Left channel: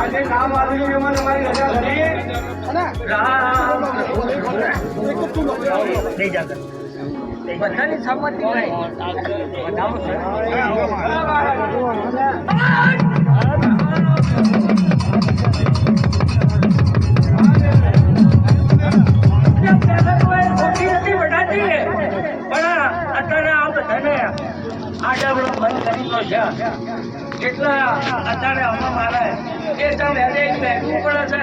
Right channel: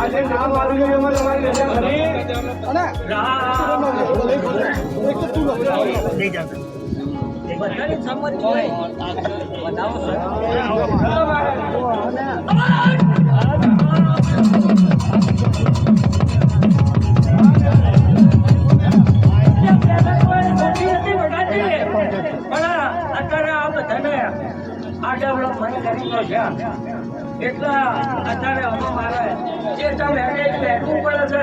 આજે નામ આવ્યું ભાઈ બતાવો એટલા અત્યારે મારે એ તમે બેઠવું પડે છે.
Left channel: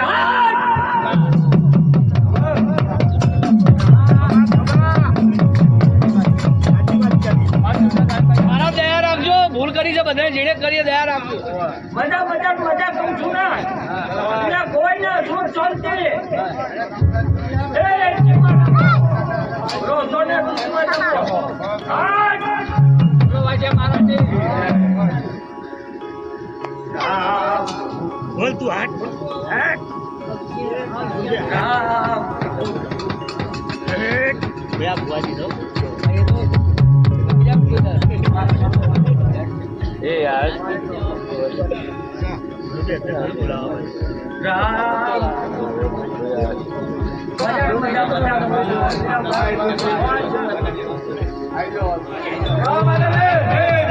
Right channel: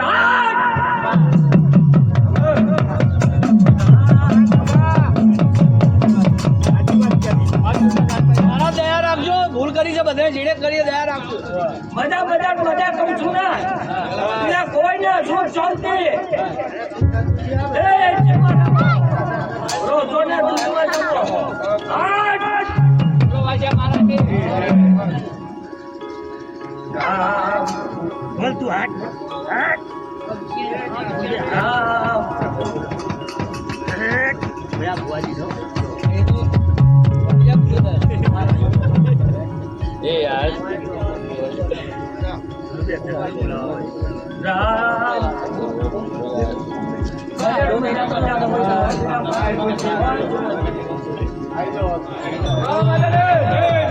મારા દયા રાખજો ભૂલ કરી છે બધા જેને કરીએ દયા રાખજો. બધા મજા મજા કહું છું ને. એટલે કોઈ ને સુખ શાંતિ. બોલ તું હાટ હાટ રામ એક. એ યાર રામ મજાનું મજા મજાનું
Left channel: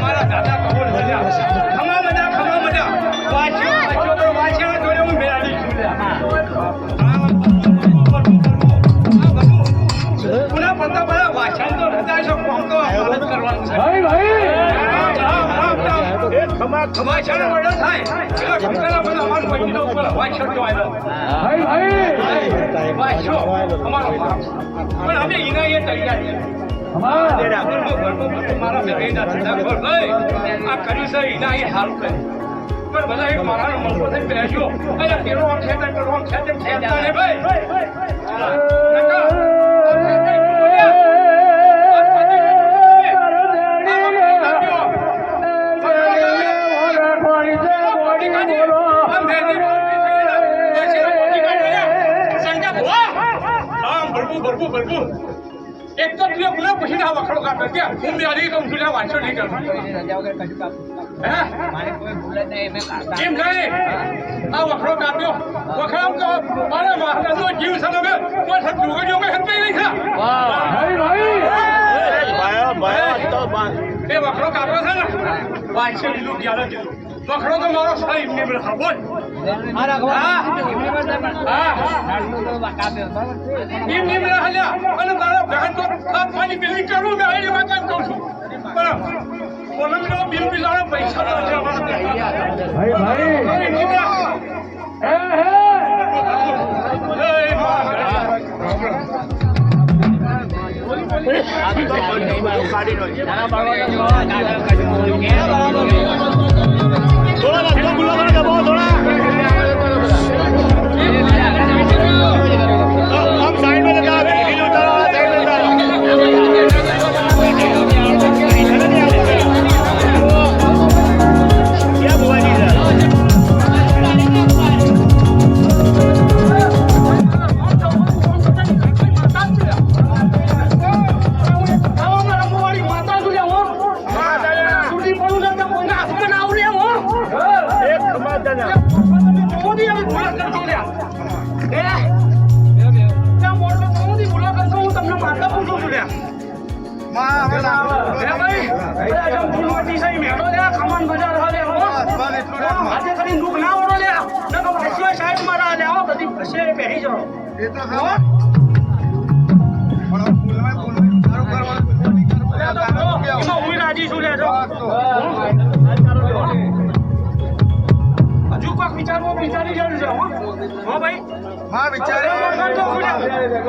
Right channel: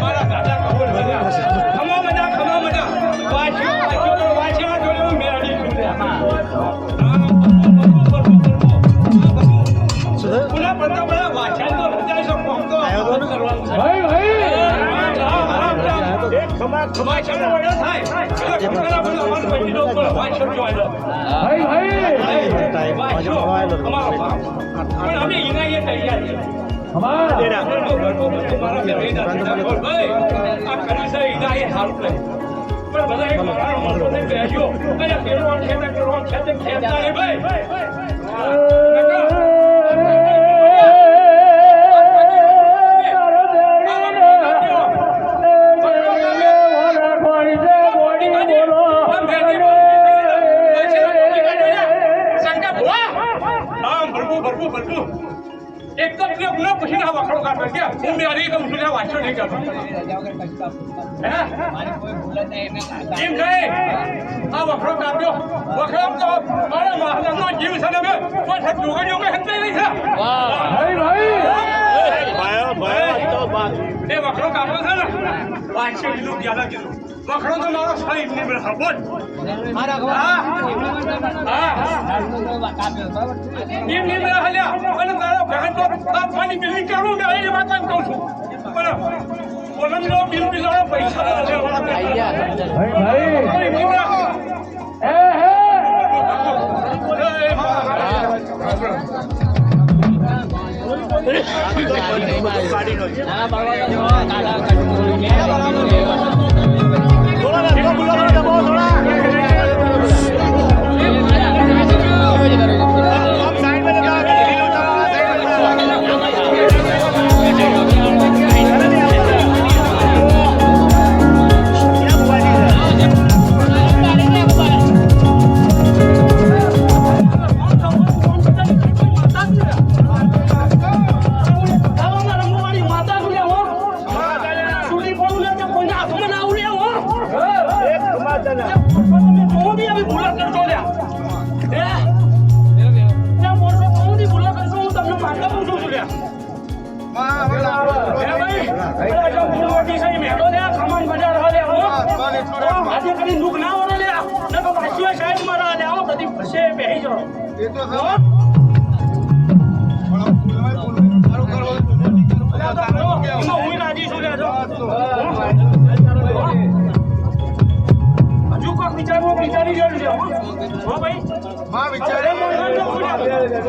મારા દાદા કબૂલ મજા ખમા મજા ખમા મજા વાંચ્યો વાંચ્યા જોડે હું મેળવી છું પુના પડતા બધા વાંચ્યા તો હતા છો કોમ તો કરવાનું છે. ભાઈ ભાઈ. ખમા ખમા છાણા મળ્યો થાય. એટલે પણ અમારું પૈકી ઉપર વાંચ્યો જો આવ્યો. ભાઈ ભાઈ. વાંચ્યો પણ અમે એના એ તૈયાર છે મારા બેના ભાઈ આ કરી છે એના એ હારું કરે પણ મારા મનનો બેસ્યો. અને પેલો આમ ખેતર પેલો આમ ખેતર ખેતર ભાઈ. એક બોલો પછી ના વખડો કાઢો કે મારી કહું વાંચો નહીં કરો. હે? મારે કોઈ ભૂલ જ નહીં. મેં કાકા કેમ નહીં આ વખરો કાપ્યો. વખરામ તો મારા મહારાજનો જીવ છે ને કોઈ ડુંગળીઓ મેં હંતાઈ રહી છે એ વખરો કાપ્યો છે ને? વાંચે કીધું ગ્યાલા કીધું. વખરો તો મારો સાહેબ ને બોલ. ખાવાની બિલ્ડિંગ કેવું એ વાત કહું છું પણ કોલમનો બિલ બિલાડા પૈસા ના લેવા ભાઈ નીમ માં વિચારે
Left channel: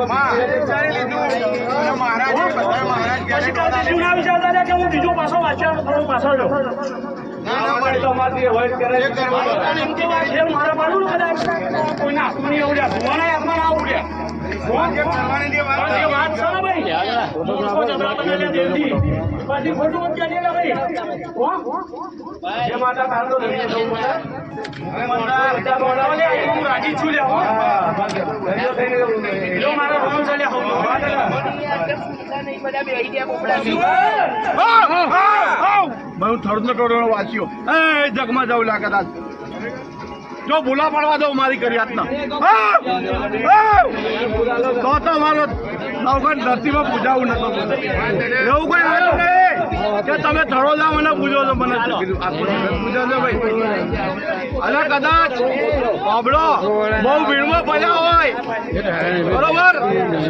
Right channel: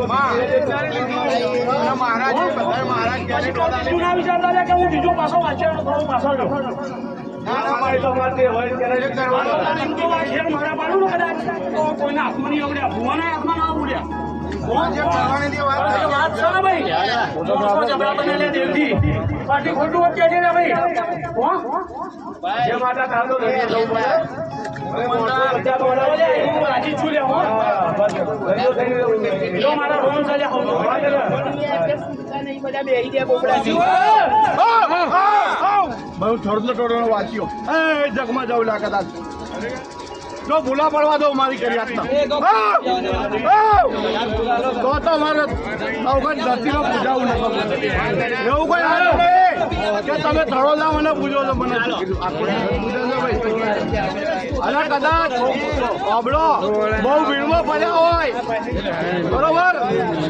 માં વિચારી લીધું મહારાજ કે હું બીજો પાછો વાંચ્યો થોડો પાછળ રહું. અને એમ તો વાત છે, મારા બાજુનું કદાચ કોઈના હાથમાં આવડ્યા, ભુવાના હાથમાં ના આવડ્યા. વાત છે ને ભાઈ? ખોટું વખતે છે ને ભાઈ? જે માતા કાળનો વાંચ્યો એ જગમાં જવું લાગે જો ભૂલા પડવા દો મારી કરી હાથના તો તો મારો નવગઢ ધરતીમાં પૂજાવું નતો. એવું કોઈ હાથ નહીં. કે તમે જાઓ મને પૂજો છો મને. પૂજો છો ભાઈ અને કદાચ અબડો બહુ ભીડમાં પડ્યા હોય. બરોબર?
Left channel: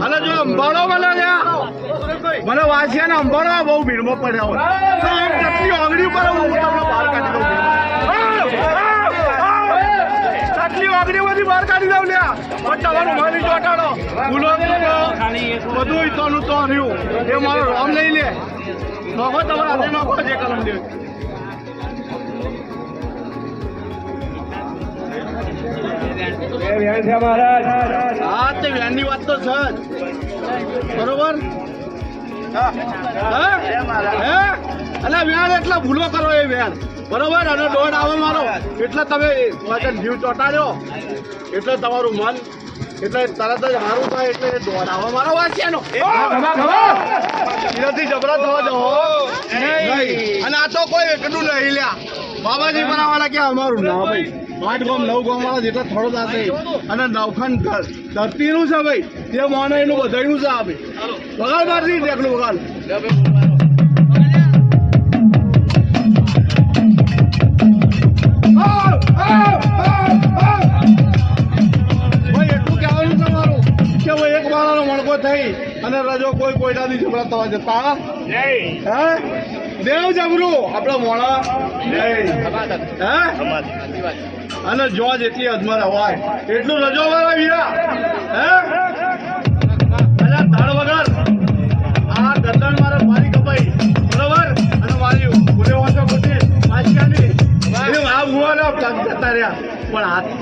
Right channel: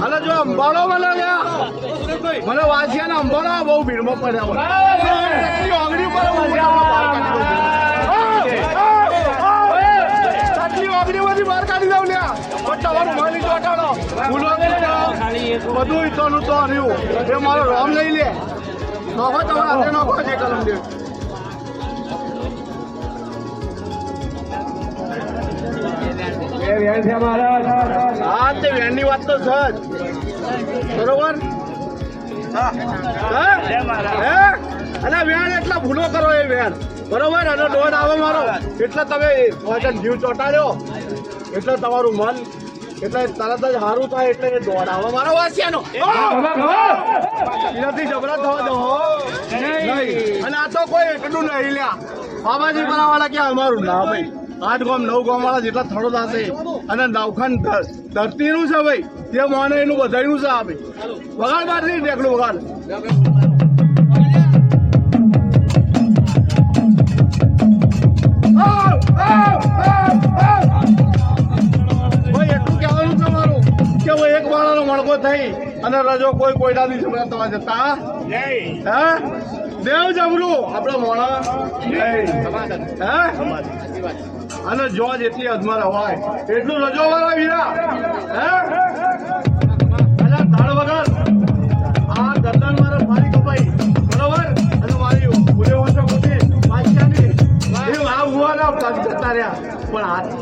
અને જો અંબાડો મને મને વાંચ્યા ને અંબાડો બહુ ભીડમાં પડ્યા હોય. તો કેટલી આંગળી ઉપર હું તમને બહાર કાઢી દઉં. આટલી વાગડીમાંથી બહાર કાઢી દઉં લ્યા. પણ બધું તો આવ્યું એ મારો રોમ નહીં લે. નખો દે હા, તે વેનની વાત તો છે બરોબર અને વેણ એટલે ભૂલો કરો એ વેણ બરોબર? અને દોડ આવે મારો. એટલે તમે જીવ ચોટાડ્યો. એટલે તમારું મન એટલે તરત જ મારું થાય એટલે દોડ મારો એનાથી જબરા થવા દો. અને આ તો કોઈ એકલું નહીં લ્યા. બાબાજી બનાવવાના ક્યાં અમારું ના ભાઈ આઠ ગામ નવ ગામ વાળા જેટલા થોડો થશે અને નવખાન ધરતીનું છે ભાઈ. જે માને એનું બધાયું છે આ ભાઈ. વગાડ મારતી ટેકલું વગાડ. ભાઈ એટલું તમારું કે ભાઈ એક બાળાનો મણકો થઈ અને રજો કોઈ કોઈનાથી ઝઘડા થવા જતા? હા? દેવ જબરું. આપણે મોણા. હા? અને જો જેટલી અજમર હવાય એટલું રજો વાળા વીરા. હે? અને ધાડ વગર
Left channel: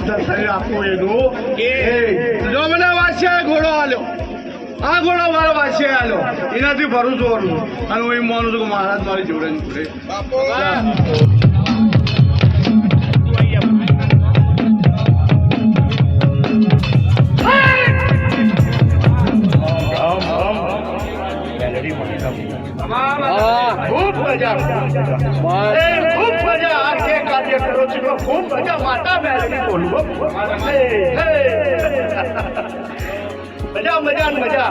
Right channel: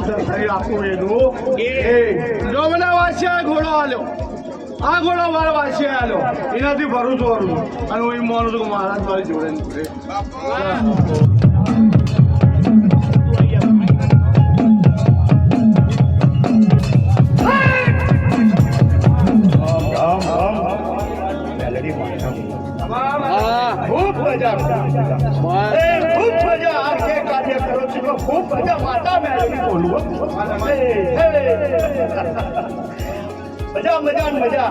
પણ થઈ આપો એનું. જો મને વાંચ્યા ઘોડો આલ્યો આ ઘોડો મારો વાંચ્યા આલ્યો એનાથી ભરું છું અને હું એમ માનું છું કે મહારાજ મારી જોડે જોડે ખૂબ તો ખૂબ મજા માતા મેળવી બોલું. મજા મજા મજા.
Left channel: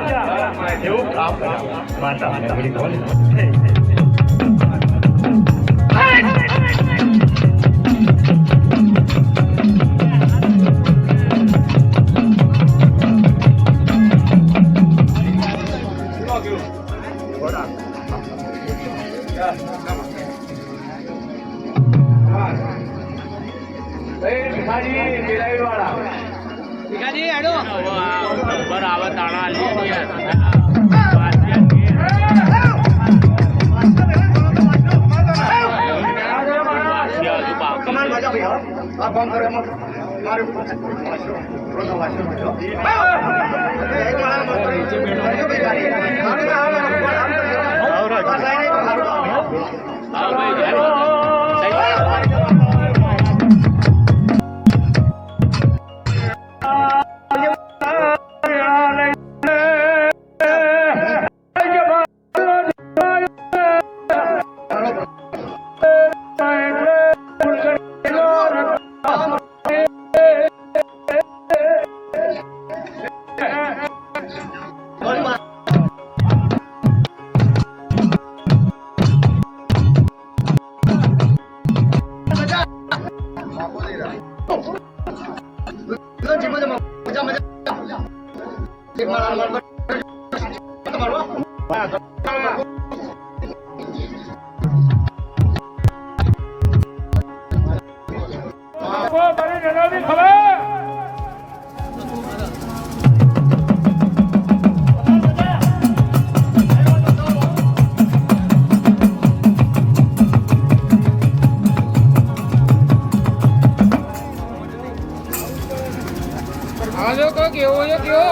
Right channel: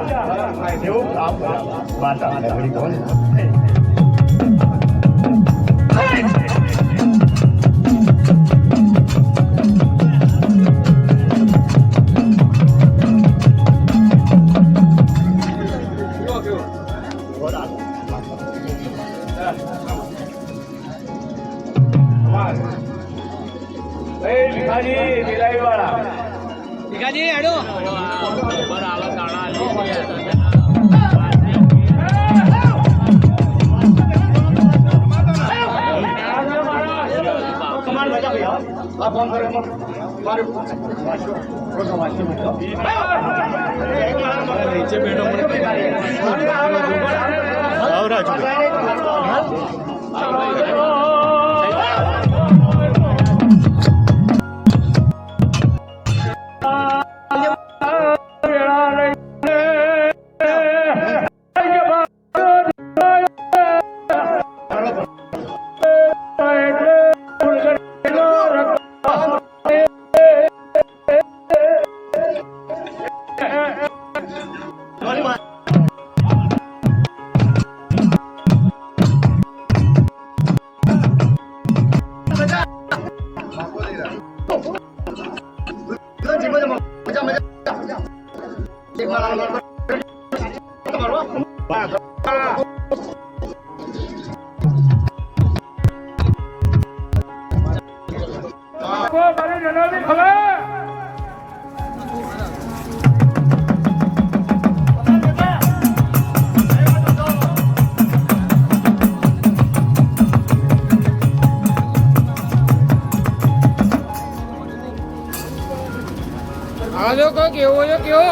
એવું કામ કર્યા માતા મેળવી બોલે. આવ્યો કેવો કેવો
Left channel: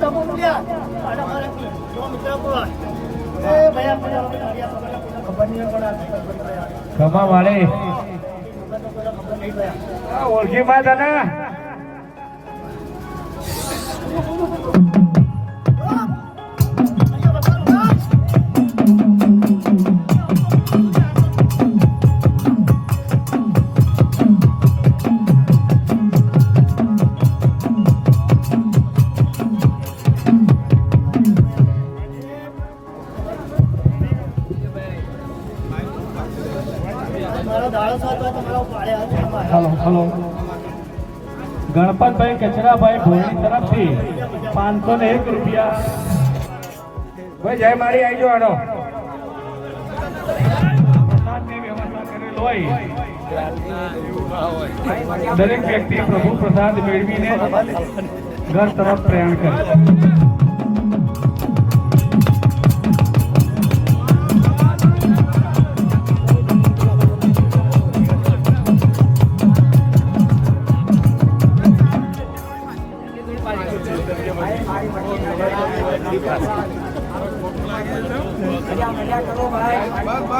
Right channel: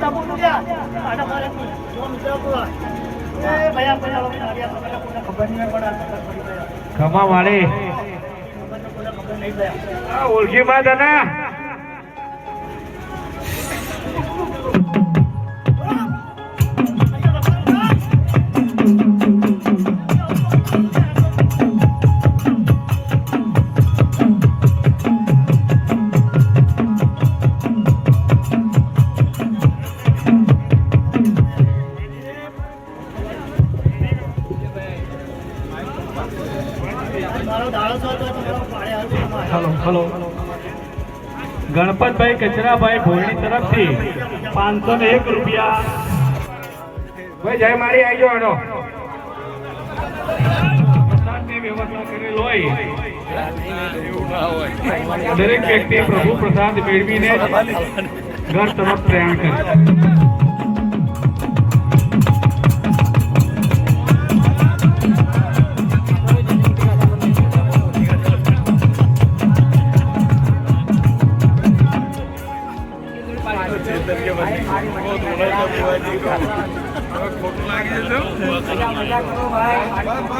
હા, તું ભેડીઓ તો અમે મારાને મળતા જ છીએ, હો. બસ. હા. ખમા વાળી ઓળખી માં તને કચરાભાઈ ભોયણી તરફથી પાંચસો ને એક રૂપિયા. ભાઈ જય મારી આવી જવાનો દરેક વ્યક્તિ પ્રભુ પ્રસાદ મેળવીને ઘર તરફ પ્રયાણ કરે.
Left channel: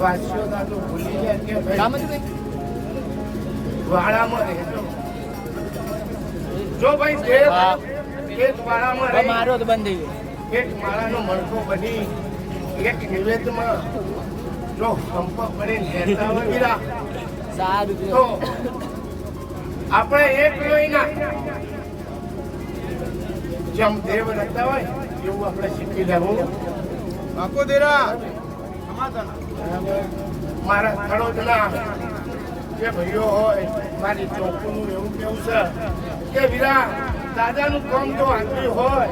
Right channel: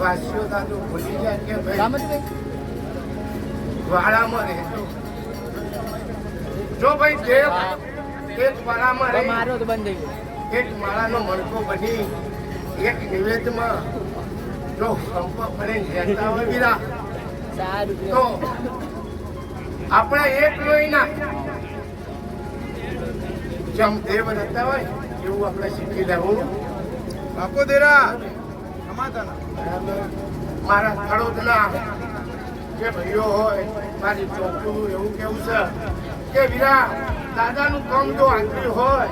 વાસ્યો તો ભૂલી જાય કે ભાઈ વાડામાં રહેજો. જો ભાઈ દેવ એક વાળામાં રહે મારો તો બંધ થઈ એક માળાનો મણકો બની એક નિવેદમાં જો હંપ પડે નેતા હોય સારું તો આપણે એક લોહીના જેમ દેવ રહેતા હોય એવું આપણે શીખી લેવું. બાપુ દેરા મારા ખડોદના જે ભાઈઓ હોય, મારી ચોખ્ખું એવું કેવું છે કે વીરા, દાદાનું કામ જો આંતરી હોય,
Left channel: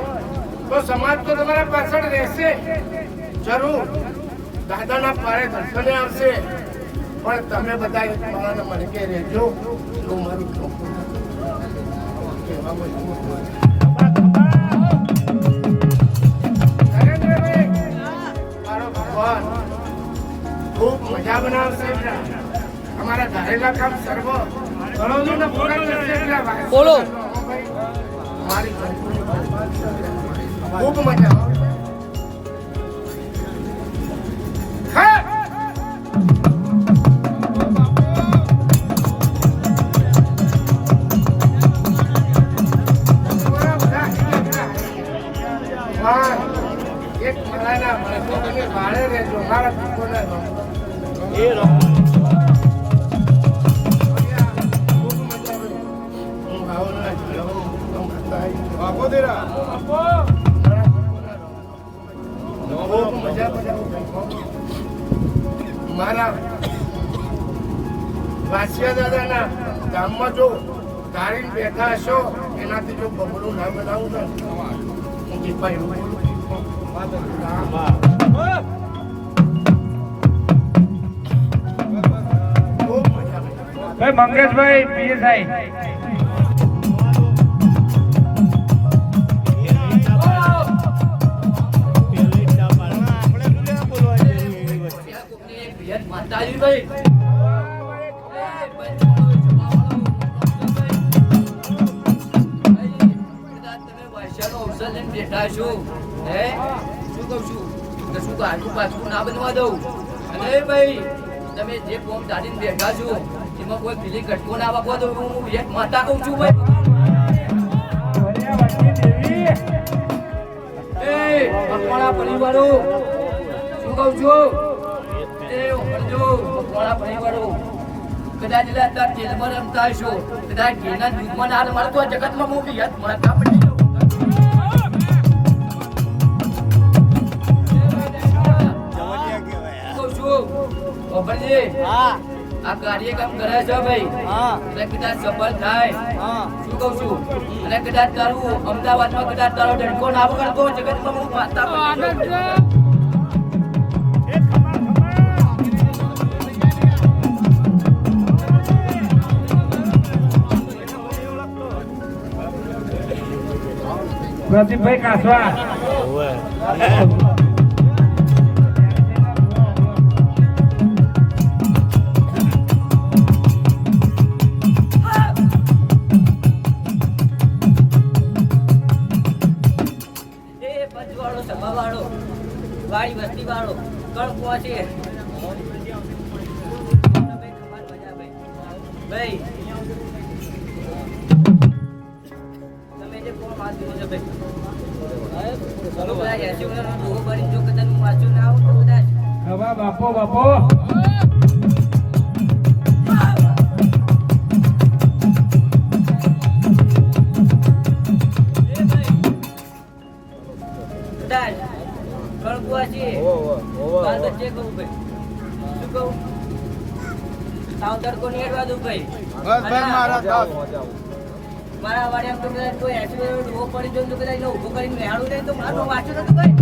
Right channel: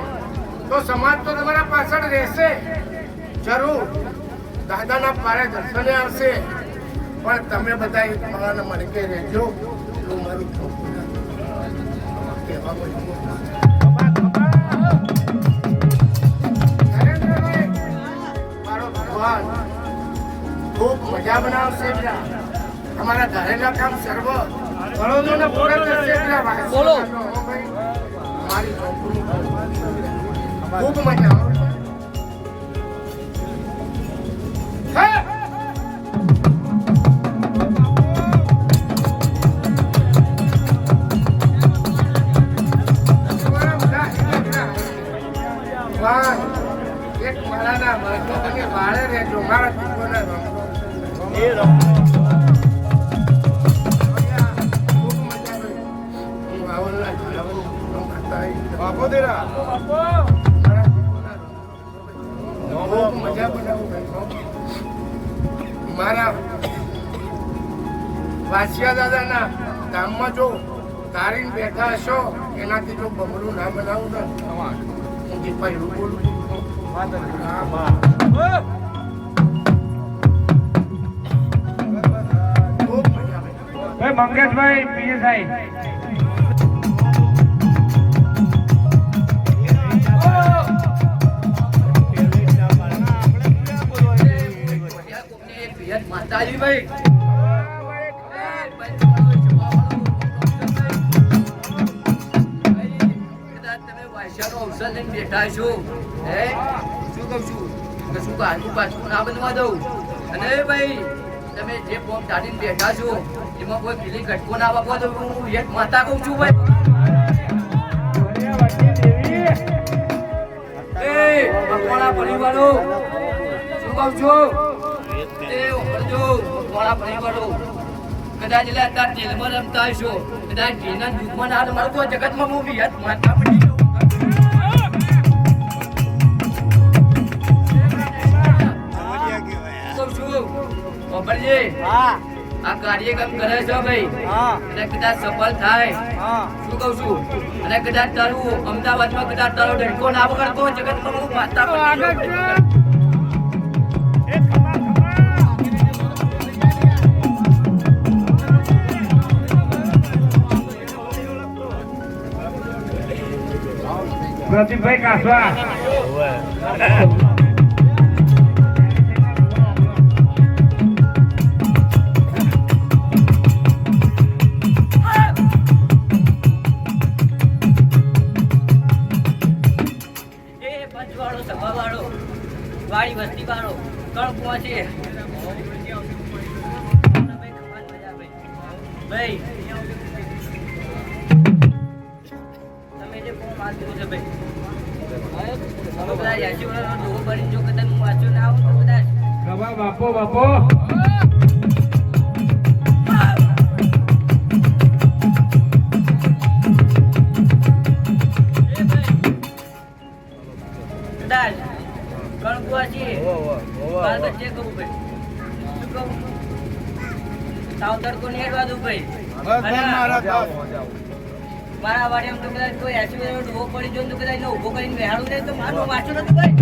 તો સમાજ તો તમારા પાછળ રહેશે. જરૂર. દાદાના પારે દર્શને આવશે. પણ તમે બધા એક માળાના મણકે રહેજો એવું મારું ચોખ્ખું કહેવામાં એવું મારો ભગવાન. ખૂબ મજા બનાવશે તમારા ધારેલા કામ સર્વ ગણોને પૂરા કરશે બોલો. મારી ખૂબ મજા. મારા વાસિયા દાદાના ધામમાં જો તારીને બેઠા હશો એનાથી જો બમણું ના બનાવું ને હું બોલું મંગેશભાઈ, પીએસઆઈ. માતાજી ભાઈ અવસર લઈને બેઠા છો શું કહું શું પાછું પાછું ના બનવા અને તમે જે ફોર્મ દાડીને બેઠા છો એમાં કોઈ પેલી ઘટકો ના વાપવા દઉં હું એક માતા કહું છું, ભાઈ. કદાચ એટલે અત્યારે જેલમાં રમતા હશો જગતમાં હું બી માતા પડી કહું છું? ખબરજી? આ કાર્યક્રમ કરે છે ભાઈ. અને કદાચ સફળ થાય. શું કહું છું? અને કદાચ તારું અમદાવાદમાં કદાચ તારો ડેડકો ના કરતો જગતમાં હું માતા પ્રદીપભાઈ કાસવા વાળો ત્રણ પહોંચે ભાઈ, તમે જે ફોર્મ આપ્યું છે ભાઈ? હે? તમે પેલા એસી વાળાનો ડોહો ભરીને જો કદાચ હું વાંચ્યો ના આવું કદાચ. બાપો બાપો. તાવ તડકો હેડવા દઉં ભાઈ. બસ ભાઈ મારા બસ મારા વાડે એમ તો કદાચ કોઈ એસી ઊભો પડી જાય તો કદાચ એને ઊભો કરીને બેહાડું નહીં તો મારું વાંચું નથી ભાઈ.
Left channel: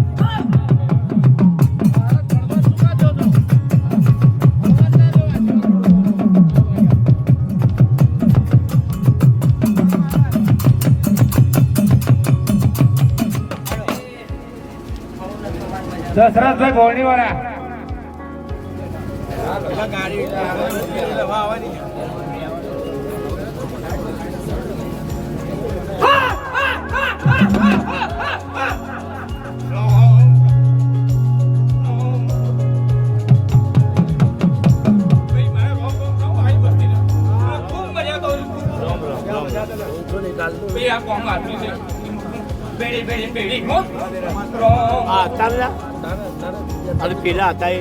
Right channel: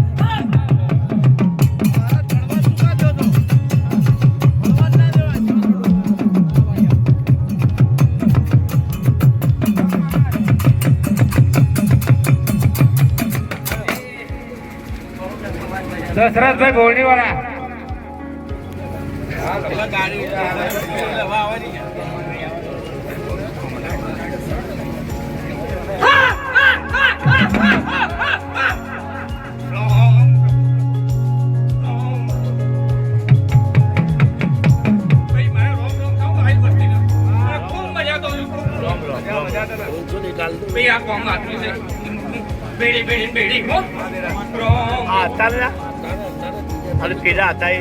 દશરથભાઈ ભોવણી વાળા. આ બેડી બેડી બેડી હો રોમ અને પેલા હતા એ.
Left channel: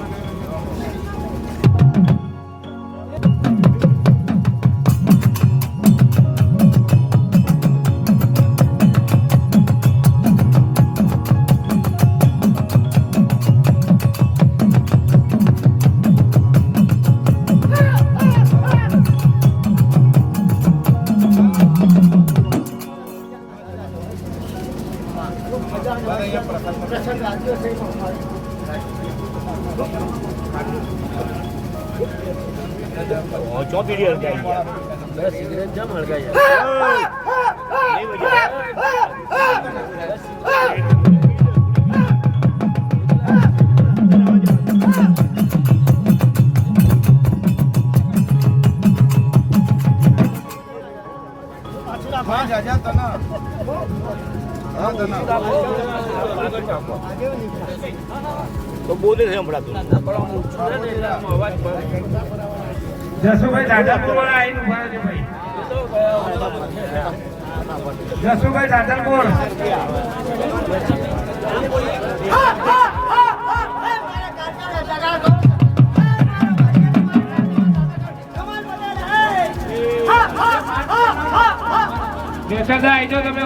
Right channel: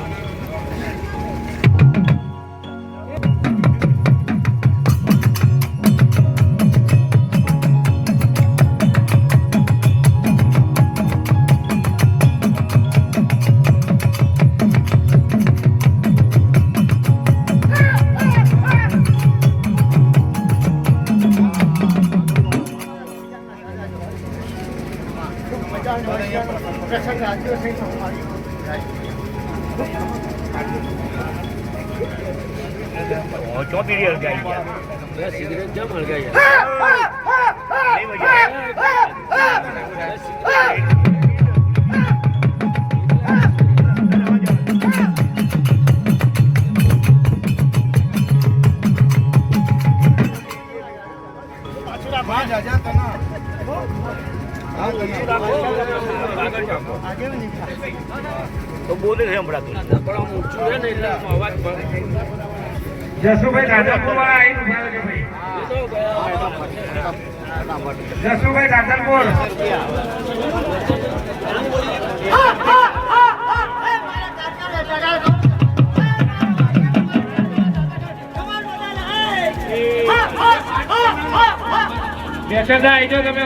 આવે. ખુલાસો જરૂરી ખુલાસો કરે. અને હું બેડી બેડી બેડી હા જાજા તના હા તના તો બોલે છે હમણાં જસુભાઈ દાદાપુરમાં આવીને ઊભા રહેજો ભાઈ. જસુભાઈ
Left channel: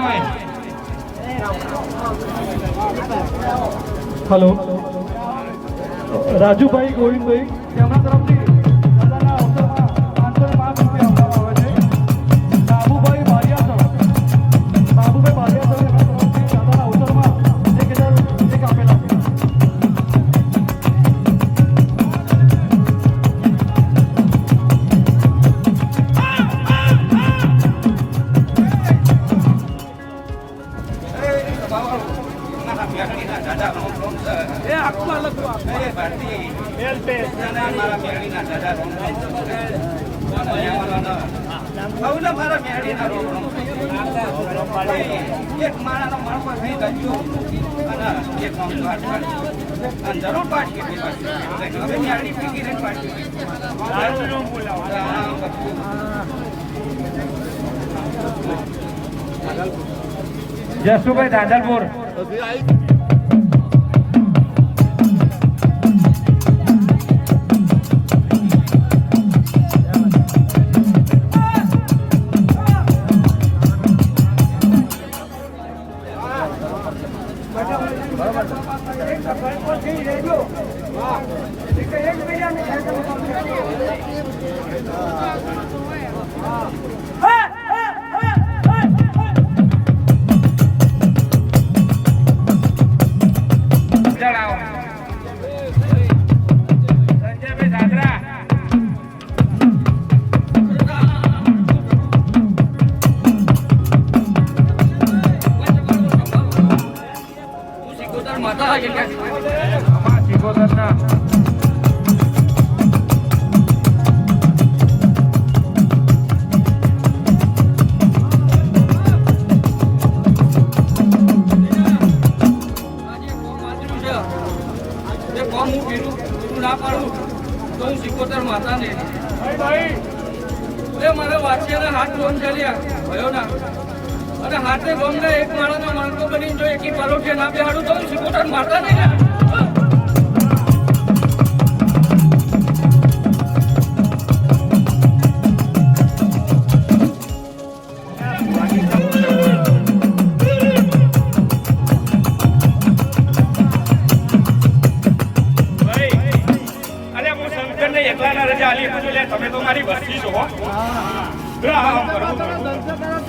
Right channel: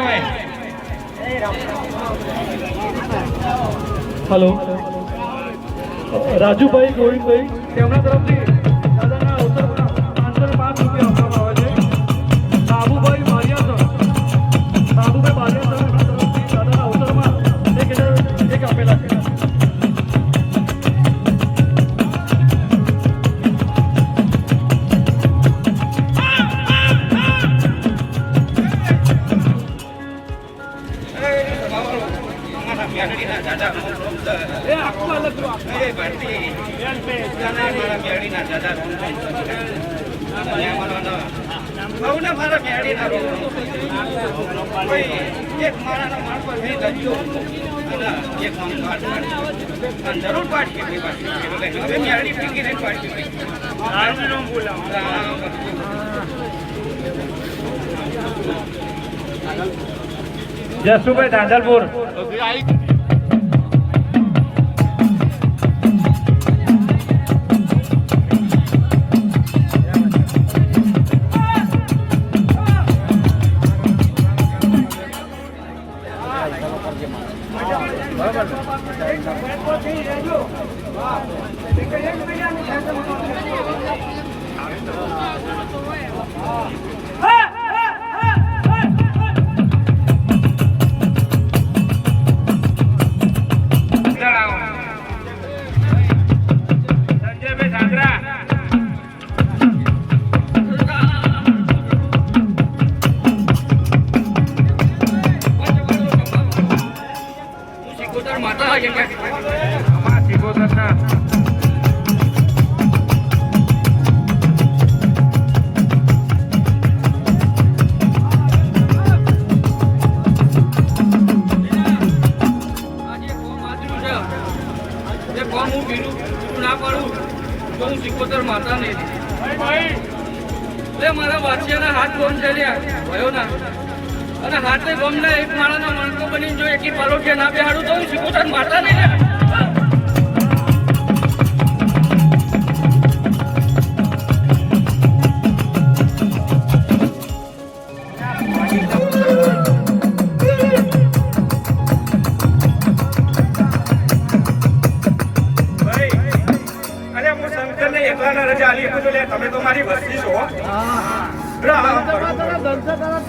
હોય હેલો. રાજુભાઈ ગોવિંદભાઈ તેમના તરફથી જસુભાઈ દાદરપુર.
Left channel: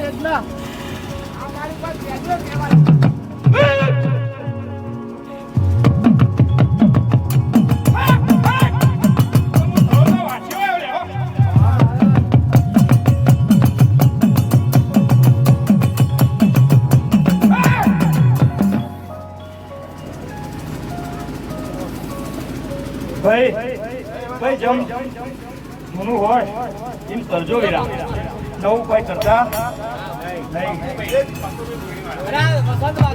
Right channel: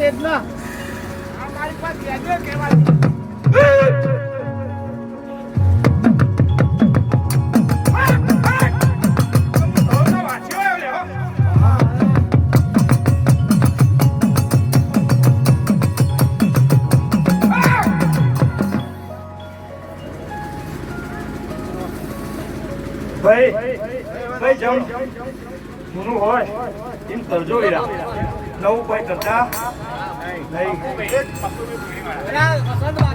વેદના અમારી પાસે વેદના કહેવાય ભાઈ જમ જૂનું હોય એમ કરજો વિરા નવું કોઈ કરતા Pastor, pastor,